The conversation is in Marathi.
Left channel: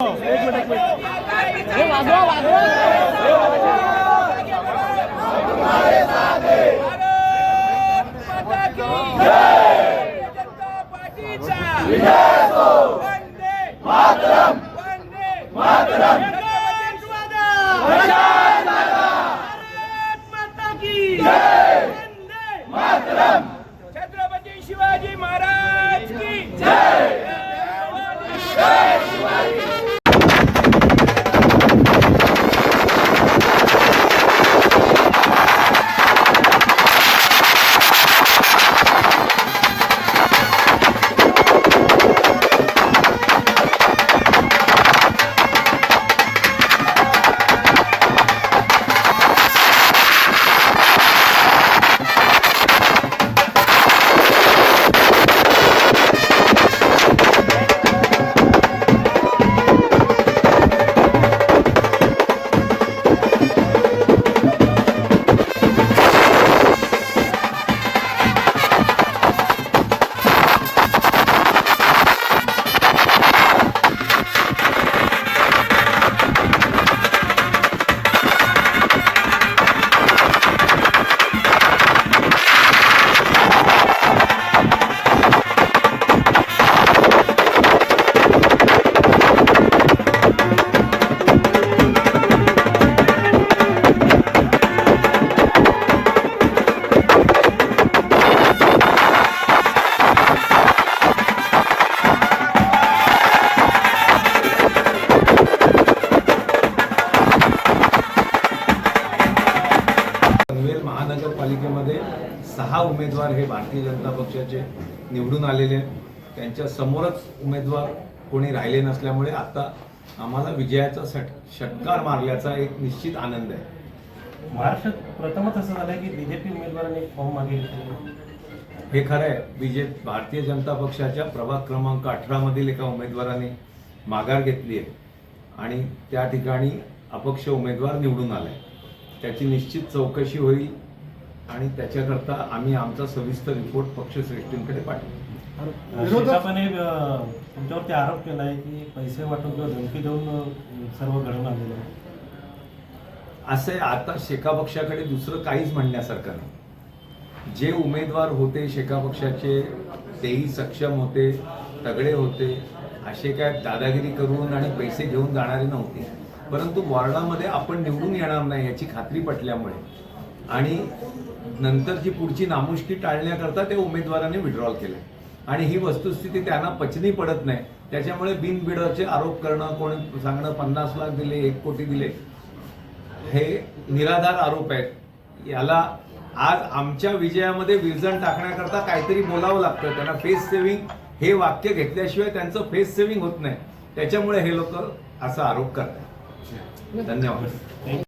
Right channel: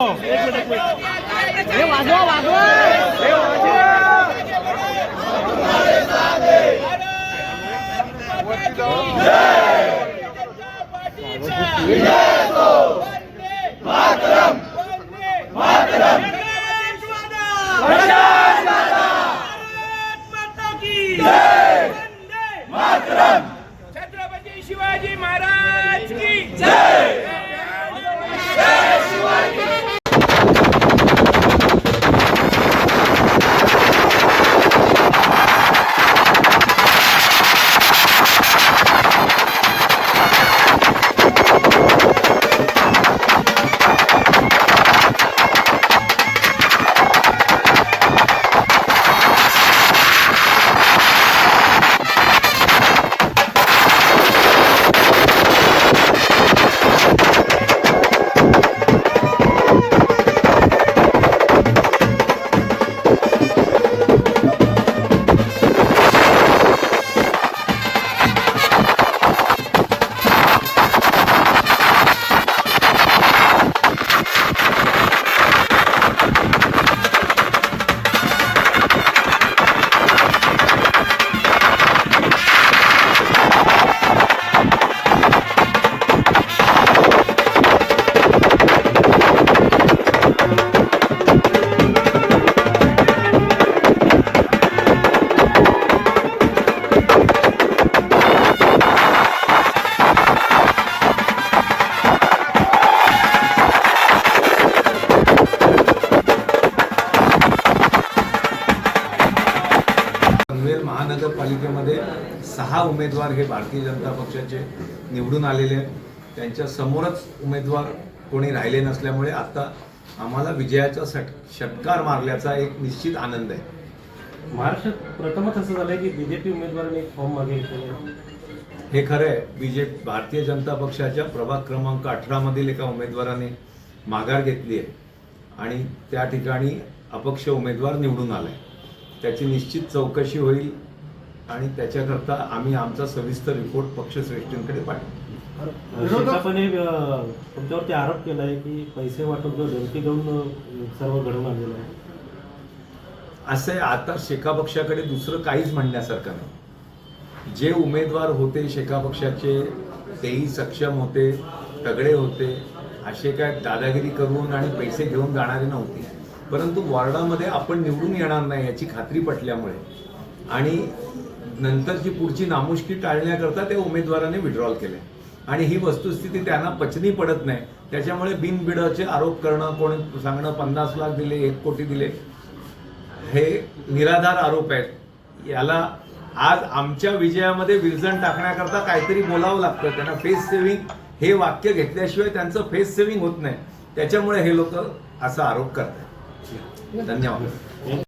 एक मिनिट हे वाजवा वाजवा छत्रपती शिवाजी महाराज की जय। महानगरपालिकेमध्ये 6 उमेदवार हे भारतीय जनता पक्षाचे निवडून आलेले आहेत। त्यांच्या समोरच उमेदवार कोणी राहिले नसल्यामुळे आता आम्हाला विजयाचा षटकार मारल्याचा एक निश्चित आनंद आहे। महाराष्ट्रात प्रथमच असं झालंय की बीजेपी उमेदवारांनी फॉर्म मागितले। हे खरं आहे। भारतीय जनता पक्षाच्या प्रभाग क्रमांक 18 मधील एका उमेदवाराने माघार घेतली आहे आणि त्या ठिकाणी अपक्ष उमेदवार निवडून आलाय। त्याची निश्चित चौकशी होईल आणि त्याच्याकरता आम्ही आमचा सविस्तर रिपोर्ट पक्षश्रेष्ठींकडे पाठवू। विरोधकांनी तुमच्यावरती आरोप केला आहे की पैसे वाटप धमकी देऊन सर्व घडवून आणलेलं आहे। असे आता शेका पक्षाकडे दुसरं काहीच म्हणण्यासारखं नाही। जे उमेदवार होते शेका पक्षाचे तेही सक्षम होते, तगडे होते, असे काय दादागिरी करून आणि पैसे घेऊन जाणारे नव्हते। परंतु वॉर्डामध्ये आपण निवडून येणार नाही याची खात्री पटल्यामुळे आणि नंतरची पुढची नामुष्की टाळण्याकरता त्या उमेदवाराने विड्रॉल केले आणि ही वस्तुस्थिती त्यांना पचनी पडत नाही। त्याच्यामुळे बिनबिडाचे आरोप करणं, कोणी सांगणं 50 लाख दिले, 1 कोटी दिले, हे निराधार आरोप आहेत। याला आज आमच्या विजयामध्ये विरजण टाकण्याकरता काहीतरी बोलावं लागतं। त्यांना फेस सेव्हिंग हे वाक्य घेतल्याशिवाय त्यांचं फेस सेव्हिंग होत नाही। त्याच्यामुळे हे लोक असा आरोप करतात। धन्यवाद।